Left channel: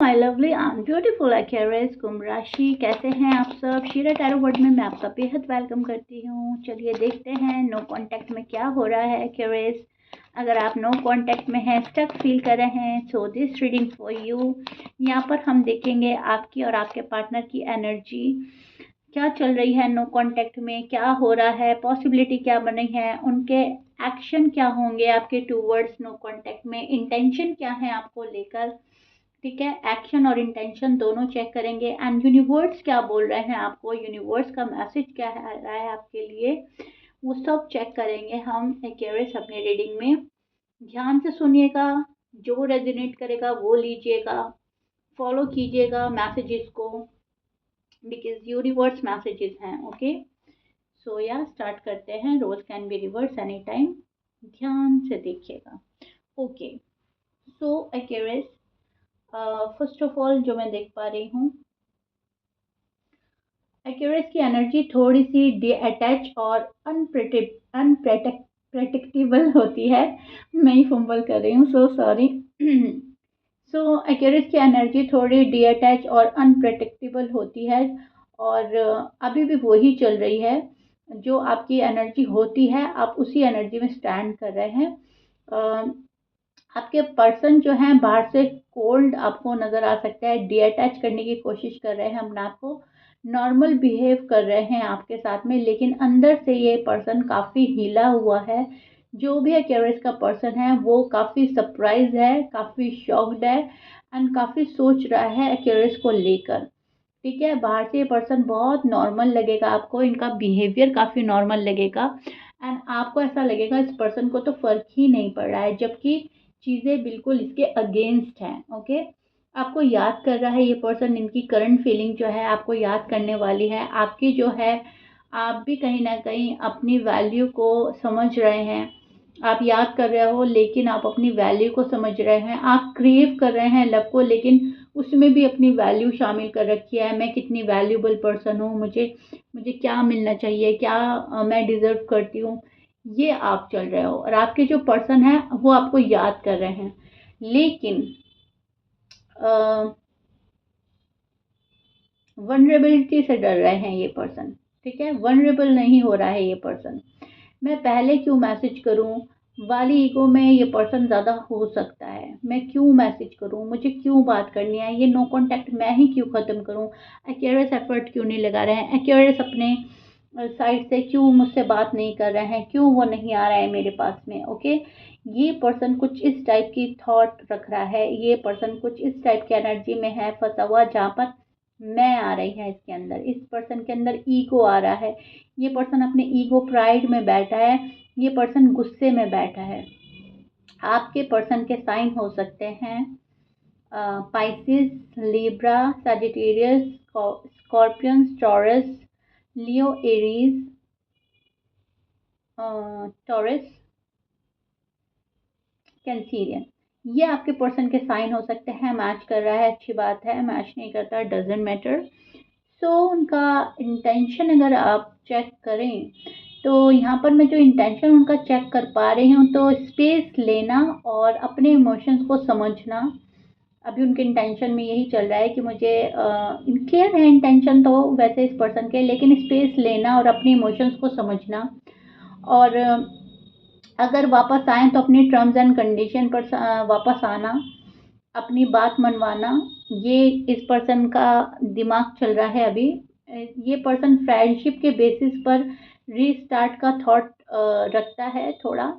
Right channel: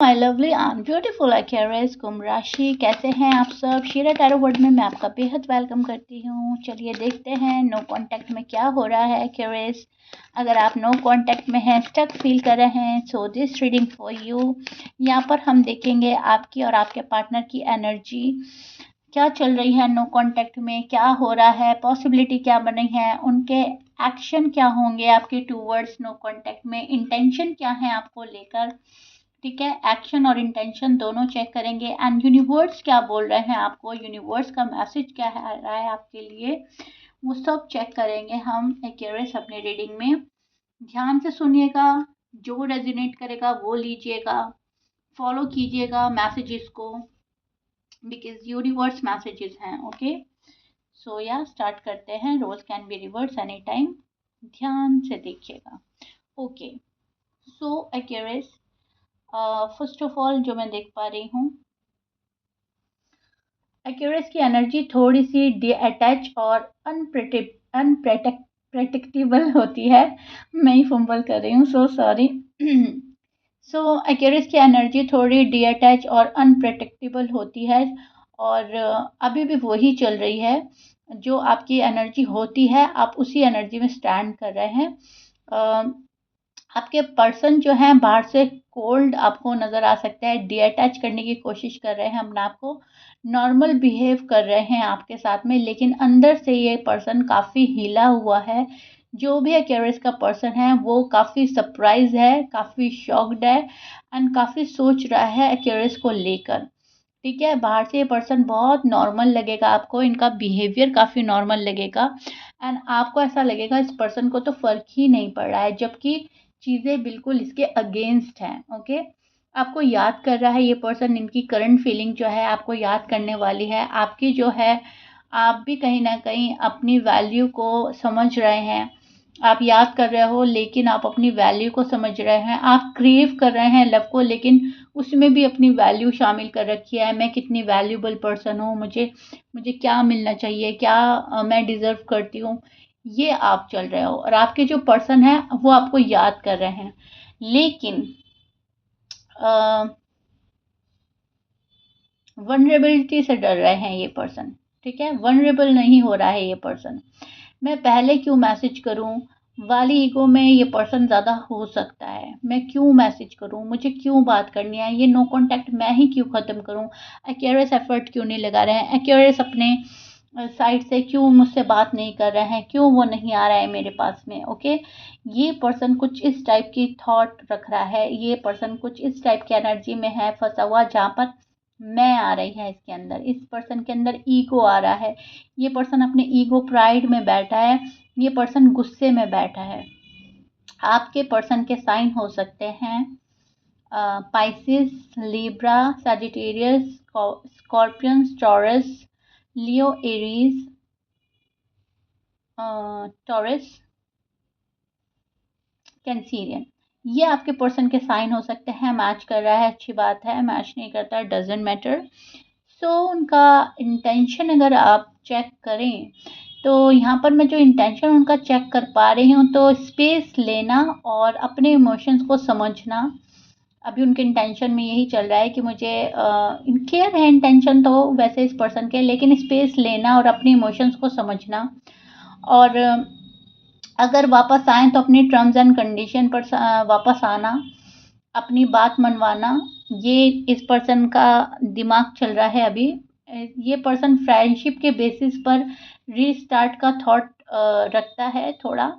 My lovely and beautiful Aquarius कुंभ राशि, कैसे हैं आप सब। शीरा टैरो वर्ड में मैं आपका बेहद वेलकम करती हूँ। चलिए देखते हैं नो कांटेक्ट में क्या हो रहा है एक्वेरियस। अगर आप नो कांटेक्ट में हैं, स्टक फील कर रहे हैं, so this reading for you. यहाँ पर हम देखेंगे आपकी और आपके पार्टनर की एनर्जी क्या चल रही है नो कांटेक्ट में, क्या हो रहा है, पॉसिबिलिटी क्या बन रही है, उनके एक्शन क्या होंगे आपके टूवर्ड्स नो कांटेक्ट में, इंटेंशन क्या है आपको लेकर। ठीक है, एक्शन और इंटेंशन दोनों चेक करेंगे एंड यूनिवर्स क्या बोल रहे हैं आपको, यूनिवर्स का मैसेज क्या है रहा है आपके लिए, वो सब चेक करेंगे हम एक्यूरेस अपने रीडिंग में। ध्यान से सुनिएगा, जो रेजोनेट करेगा वो लीजिएगा, फॉलो कीजिएगा मैसेजेस को, बिकॉज यूनिवर्स मैसेजेस हैं। ओके, सो या स्टार्ट करते हैं। Rose can be reverse any time, ध्यान से देखिएगा। Okay, so Aquarius, first of all जो मैं देख पा रही हूँ, एक्यूरेस की एनर्जी थोड़ी सी डिअटैच और अनप्रेडिक्टेबल होती है। मैं ही फंबल कर रही हूँ, सो सॉरी। सो एक्यूरेस की एनर्जी थोड़ी डिअटैच और अनप्रेडिक्टेबल होती है, और अभी भी वही चल रही है। जो आपकी एनर्जी होती है आप उसी एनर्जी में स्टैंड कर रहे हैं। आपके पर्सन जो है बाहर से कोल्ड आपको नज़र आ सकता है, डिअटैच करने की कोशिश कर रहे हैं अपने आप को, नॉर्मल बिहेव कर रहे हैं आपके साथ में, लेकिन अंदर से ये पर्सन काफ़ी हिला हुआ है। जो भी एक्वेरियस का पर्सन है वो काफ़ी सरप्राइज है, काफ़ी शॉक्ड है एंड काफ़ी सोच रहा है एक्वेरियस को लेकर। ठीक है, बाहर से ये पर्सन बहुत नॉर्मल लगेगा आपको, इनका बिहेवियर काफ़ी नॉर्मल लगेगा एंड आपको ऐसा लगेगा इस पर्सन को तो फ़र्क ही नहीं पड़ रहा है, जबकि चीज़ें बिल्कुल इसके अगेंस्ट हैं। ओके, आपको याद कर रहा है ये पर्सन, इनकी करंट फीलिंग जो है आपको याद करने वाली है। आपकी जो है, आप भी कहीं ना कहीं अपनी वैल्यू को समझ रहे हैं। आप याद कर रहे हो लेकिन आप अपनी वैल्यू को समझ रहे हैं। आप क्रेव कर रहे हैं लव को, लेकिन उसमें भी अपनी वैल्यू शामिल कर रखी है। मैं कितनी वैल्यूबल पर्सन हूँ, मुझे मुझे क्या मिलना चाहिए, क्या मैं डिज़र्व करती हूँ, ये आप चल रहे हो। और आपके जो पर्सन है वो आपको याद कर रहे हैं, लेकिन वनरेबिलिटी से डर रहे हैं ये पर्सन। ठीक है, वनरेबल नहीं हो रहा है ये पर्सन। मैं पहले क्यों मैसेज करूं वाली ईगो में ये पर्सन ज़्यादा हो सकता है। मैं क्यों मैसेज करूं, मुझे क्यों बात करनी है, ये नो कांटेक्ट मैं ही क्यों ख़त्म करूं, एक्यूरेस एफर्ट क्यों नहीं लगा रहे हैं, एक्यूरेस अपने साइड से क्यों मुझसे बात नहीं कर रहे हैं, क्यों वो नहीं आ रहा है मेरे पास में। ओके, ये पर्सन कुछ इस टाइप की थॉट रख रहा है, ये पर्सन कुछ इस टाइप की एनर्जी में है फंसा हुआ, जहाँ पर मैं आ रही है इसके अंदर, इस पर्सन के अंदर ईगो आ रहा है। ये पर्सन अपने ईगो प्राइड में बैठा है, ये पर्सन गुस्से में बैठा है। आपके पर्सन के साइन हो सकते हैं Pisces, Libra, Sagittarius, Scorpions, Taurus, Leo, Aries, Taurus, Cancerian. ये आपके पर्सन के साइन हो सकते हैं। मैच कर रहा है अच्छी बात है, मैच नहीं करता डजेंट मैटर। सो उनका इंटेंशन अगर आप चेक करें तो यहाँ पर मैं जो इंटेंशन उनका चेक कर पा रही हूँ, तो स्पेस लेना और अपने इमोशंस को समझना। अभी उनके इंटेंशन में यही चल रहा है कि मुझे क्लियर है इंटेंशन तो वैसे इस पर्सन के, लेकिन स्पेस लेना और अपने इमोशंस को समझना, और अगर वापस आए तो अपनी टर्म्स एंड कंडीशन पर वापस आना, अपनी बात मनवाना। ये इस पर्सन का दिमाग चल रहा है अभी। ये पर्सन फ्रेंडशिप के बेसिस पर रीस्टार्ट का थॉट रखता है थोड़ा।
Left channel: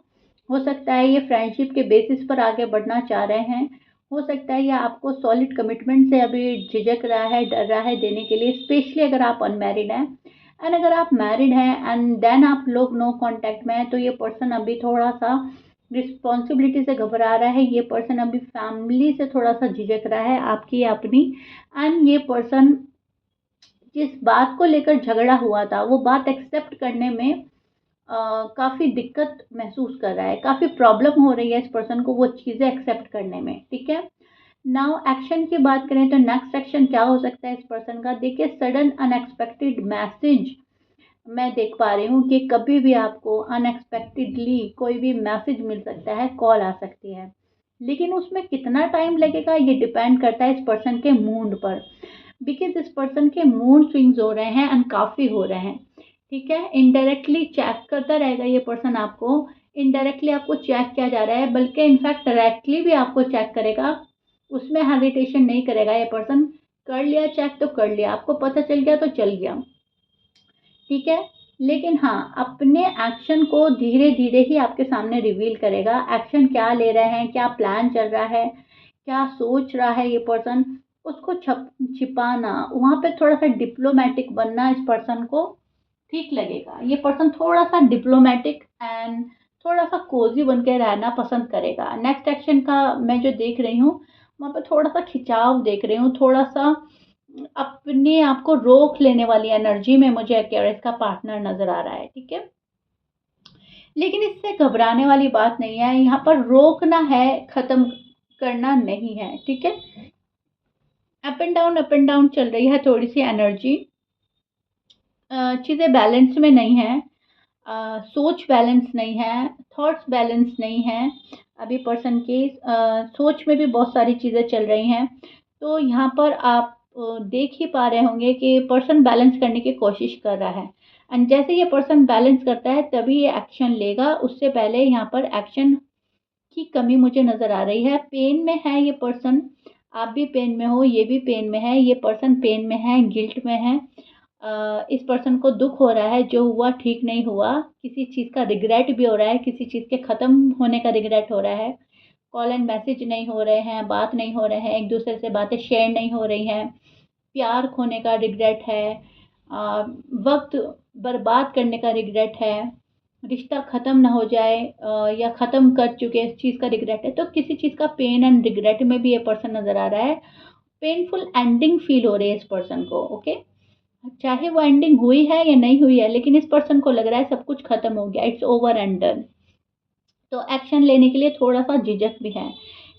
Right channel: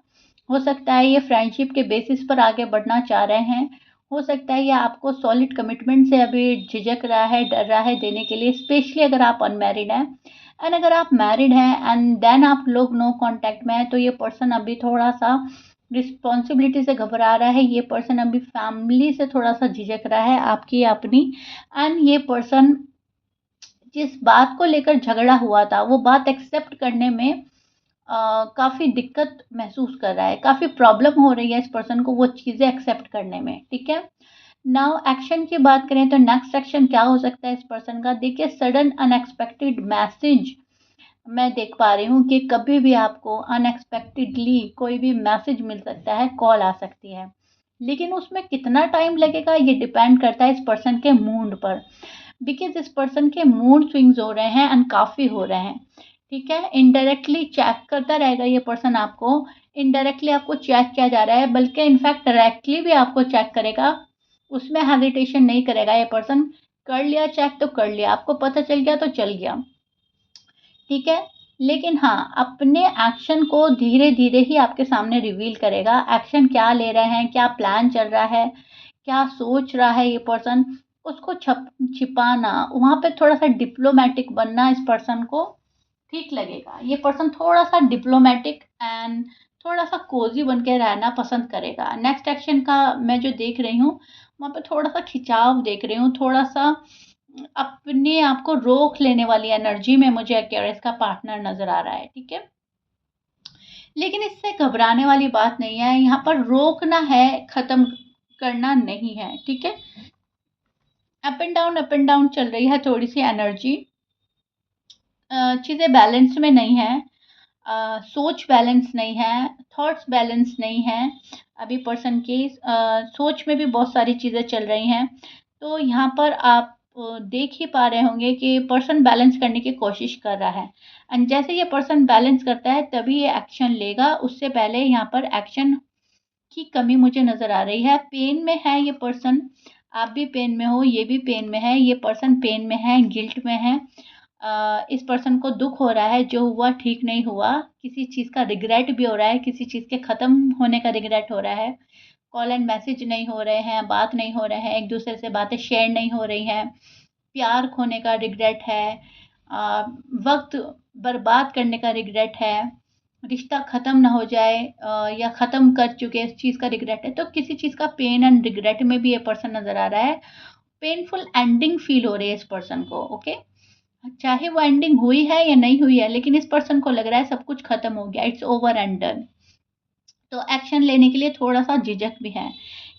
हो सकता है ये फ्रेंडशिप के बेसिस पर आगे बढ़ना चाह रहे हैं। हो सकता है ये आपको सॉलिड कमिटमेंट से अभी झिझक रहा है, डर रहा है देने के लिए, स्पेशली अगर आप अनमैरिड हैं। एंड अगर आप मैरिड हैं एंड देन आप लोग नो कांटेक्ट में हैं, तो ये पर्सन अभी थोड़ा सा रिस्पॉन्सिबिलिटी से घबरा रहा है। ये पर्सन अभी फैमिली से थोड़ा सा झिझक रहा है, आपकी अपनी। एंड ये पर्सन जिस बात को लेकर झगड़ा हुआ था वो बात एक्सेप्ट करने में काफ़ी दिक्कत महसूस कर रहा है, काफ़ी प्रॉब्लम हो रही है इस पर्सन को वो चीज़ें एक्सेप्ट करने में। ठीक है, नाउ एक्शन की बात करें तो नेक्स्ट एक्शन क्या हो सकता है इस पर्सन का। देखिए, सडन अनएक्सपेक्टेड मैसेज मैं देख पा रही हूँ कि कभी भी आपको अनएक्सपेक्टेडली कोई भी मैसेज मिल सकता है, कॉल आ सकती है। लेकिन उसमें कितना टाइम लगेगा ये डिपेंड करता है इस पर्सन के मूड पर, बिकॉज इस पर्सन के मूड स्विंग्स हो रहे हैं एंड काफ़ी हो रहे हैं। ठीक है, इनडायरेक्टली चेक करता रहेगा ये पर्सन आपको, इनडायरेक्टली आपको चेक किया जा रहा है, बल्कि इनफैक्ट डायरेक्टली भी आपको चेक करेगा, उसमें हेजिटेशन नहीं करेगा ये पर्सन। कर लिया चेक तो कर लिया, आपको पता चल गया तो चल गया। ठीक है, लेकिन हाँ, अपने एक्शन को धीरे धीरे ही आपके सामने रिवील करेगा। एक्शन क्या ले रहे हैं, क्या प्लान चल रहा है, क्या सोच रहा है ये पर्सन, उसको छिपाना, वहाँ पे थोड़ा सा डिप्लोमेटिक बनना इस पर्सन को ठीक लगेगा। ये पर्सन थोड़ा सा डिप्लोमेटिक एंड थोड़ा सा कोजी बन के रहना पसंद करेगा। नेक्स्ट एक्शन का मैं जो देख रही हूँ, वहाँ पे थोड़ा सा खिंचाव देख रही हूँ, थोड़ा सा अपने आप को रोक लेने वाली एनर्जी में मुझे एक्वेरियस का पार्टनर नजर आ रहा है। ठीक है, लेकिन इससे घबराने वाली बात नहीं है, यहाँ पर रोकना है, खत्म करना नहीं है। ठीक है, अप एंड डाउन चल रही है थोड़ी सी एनर्जी, चीज़ें बैलेंस में नहीं है, सोच बैलेंस नहीं है, थॉट्स बैलेंस नहीं है। अभी पर्सन की सोच में भी बहुत सारी चीज़ें चल रही हैं। तो यहाँ पर आप देख ही पा रहे होंगे कि पर्सन बैलेंस करने की कोशिश कर रहा है, एंड जैसे ये पर्सन बैलेंस करता है तभी ये एक्शन लेगा। उससे पहले यहाँ पर एक्शन की कमी मुझे नज़र आ रही है। पेन में है ये पर्सन, आप भी पेन में हो, ये भी पेन में है, ये पर्सन पेन में है, गिल्ट में है। इस पर्सन को दुख हो रहा है, जो हुआ ठीक नहीं हुआ, किसी चीज़ का रिग्रेट भी हो रहा है, किसी चीज़ के ख़त्म होने का रिग्रेट हो रहा है। कॉल एंड मैसेज नहीं हो रहे हैं, बात नहीं हो रहे हैं, एक दूसरे से बातें शेयर नहीं हो रही हैं, प्यार खोने का रिग्रेट है, वक्त बर्बाद करने का रिग्रेट है, रिश्ता ख़त्म ना हो जाए या ख़त्म कर चुके इस चीज़ का रिग्रेट है। तो किसी चीज़ का पेन एंड रिग्रेट में भी ये पर्सन नज़र आ रहा है। पेनफुल एंडिंग फील हो रही है इस पर्सन को। ओके, चाहे वो एंडिंग हुई है या नहीं हुई है, लेकिन इस पर्सन को लग रहा है सब कुछ खत्म हो गया, इट्स ओवर एंड डन। तो एक्शन लेने के लिए थोड़ा सा झिझक भी है।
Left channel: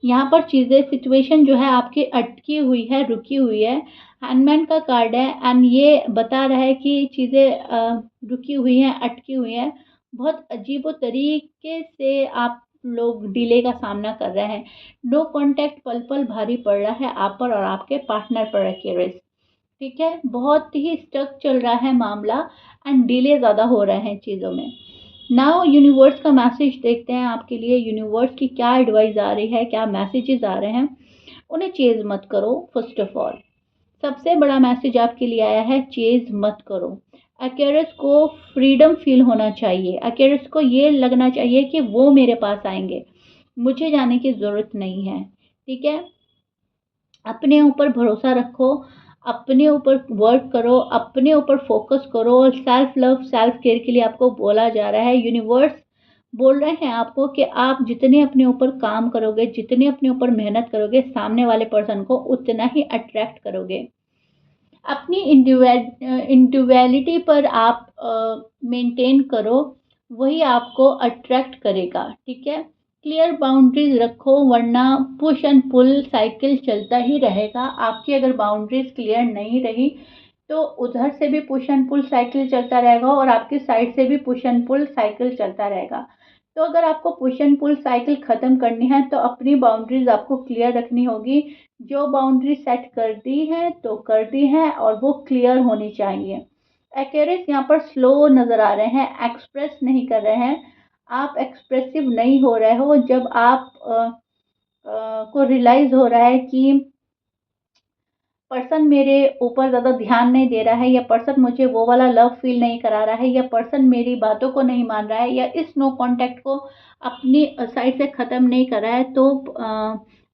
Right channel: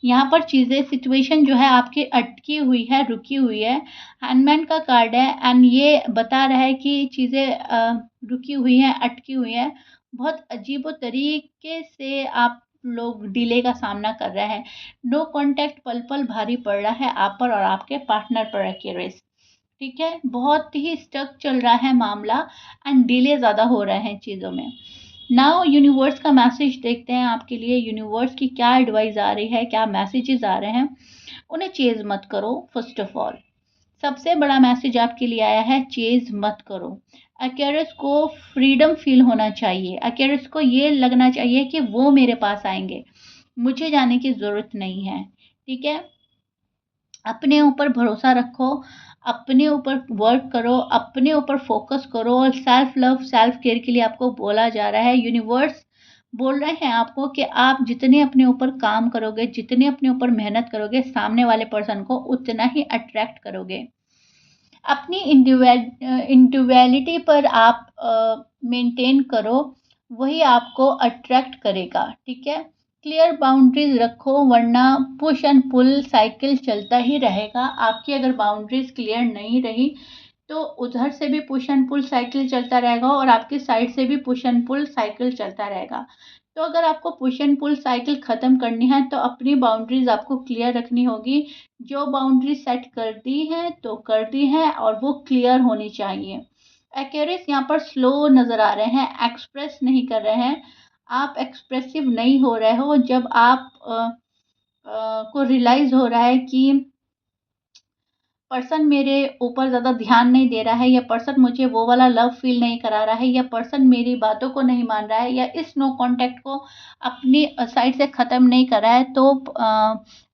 यहाँ पर चीज़ें, सिचुएशन जो है आपकी अटकी हुई है, रुकी हुई है। हैंडमैन का कार्ड है एंड ये बता रहा है कि चीज़ें रुकी हुई हैं, अटकी हुई हैं। बहुत अजीबो तरीके से आप लोग डिले का सामना कर रहे हैं। नो कॉन्टैक्ट पल पल भारी पड़ रहा है आप पर और आपके पार्टनर पर एक्यूरेस। ठीक है, बहुत ही स्टक चल रहा है मामला एंड डिले ज़्यादा हो रहे हैं चीज़ों में। नाउ यूनिवर्स का मैसेज देखते हैं आपके लिए, यूनिवर्स की क्या एडवाइस आ रही है, क्या मैसेजेस आ रहे हैं। उन्हें चेज मत करो। फर्स्ट ऑफ ऑल, सबसे बड़ा मैसेज आपके लिए आया है, चेज मत करो। एक्वेरियस को फ्रीडम फील होना चाहिए, एक्वेरियस को ये लगना चाहिए कि वो मेरे पास आएंगे, मुझे जाने की ज़रूरत नहीं है। ठीक है, अपने ऊपर भरोसा रखो, अपने ऊपर वर्क करो, अपने ऊपर फोकस करो, और सेल्फ लव, सेल्फ केयर के लिए आपको बोला जा रहा है। यूनिवर्स बोल रहे हैं आपको कि आप जितने अपने ऊपर काम करोगे, जितने अपने ऊपर मेहनत करोगे, सामने वाले पर्सन को उतना ही अट्रैक्ट करोगे। अपनी इंडिविजुअलिटी पर आप मेंटेन करो, वही आपको अट्रैक्ट करेगा। ठीक है, क्लियर बाउंड्रीज रखो, वरना पुश एंड पुल साइकिल चलता ही रहेगा। आपकी अगर बाउंड्रीज क्लियर नहीं रही तो उधर से भी पुश एंड पुल साइकिल चलता रहेगा और आपकी साइड से भी पुश एंड पुल साइकिल चलता रहेगा। तो अगर आपको पुश एंड पुल साइकिल ख़त्म करनी है तो अपनी बाउंड्रीज आपको क्लियर रखनी होगी। जो बाउंड्री सेट कर दी है तो कर दी है और वो क्लियर होनी चाहिए। एक्वेरियस यहाँ पर स्लो नज़र आ रहे हैं, एक्सप्रेस नहीं कर रहे हैं। आप एक्सप्रेसिव नहीं हो रहे हो। जब आप को रियलाइज़ हो रहा है कि पर्सन मेरे ऊपर ज़्यादा ध्यान नहीं दे रहा है, या पर्सन मुझे वो वाला लव फील नहीं करा रहा है, या पर्सन मेरी बातों को नहीं मान रहा है, या इस नो कांटेक्ट को अपनी साइड से ख़त्म नहीं कर रहा है, तो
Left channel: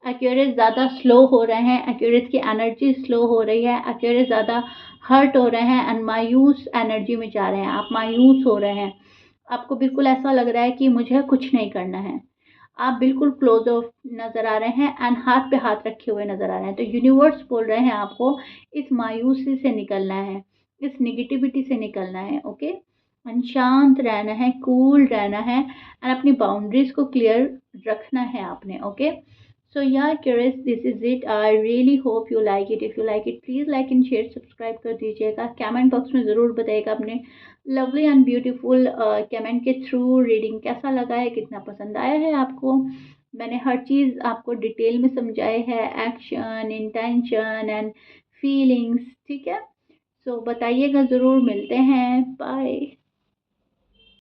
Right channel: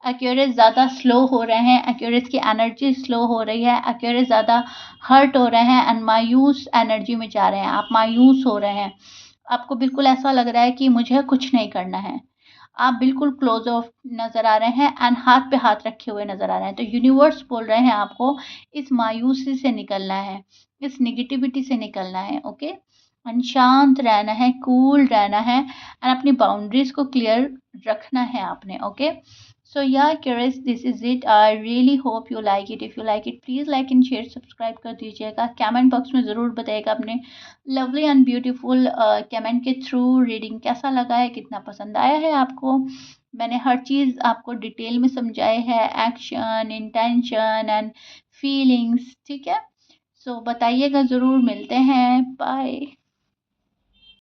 एक्वेरियस ज़्यादा स्लो हो रहे हैं, एक्वेरियस की एनर्जी स्लो हो रही है, एक्वेरियस ज़्यादा हर्ट हो रहे हैं एंड मायूस एनर्जी में जा रहे हैं। आप मायूस हो रहे हैं, आपको बिल्कुल ऐसा लग रहा है कि मुझे कुछ नहीं करना है। आप बिल्कुल क्लोज ऑफ नज़र आ रहे हैं एंड हाथ पे हाथ रखे हुए नज़र आ रहे हैं। तो यूनिवर्स बोल रहे हैं आपको इस मायूसी से निकलना है, इस नेगेटिविटी से निकलना है। ओके, एंड शांत रहना है, कूल रहना है एंड अपनी बाउंड्रीज को क्लियर रखना है आपने। Okay, so yeah curious, this is it. I really hope you like it. If you like it, please like and share, subscribe कर दीजिएगा। कमेंट बॉक्स में ज़रूर बताइएगा अपने लवली एंड ब्यूटीफुल कमेंट के थ्रू रीडिंग कैसा लगा है, कितना पसंद आया है आपको। मैंने हर चीज़ आपको डिटेल में समझाई है, एक्शन, इंटेंशन एंड फीलिंग्स, ठीक है? सो बताइएगा ज़रूर, मिलते हैं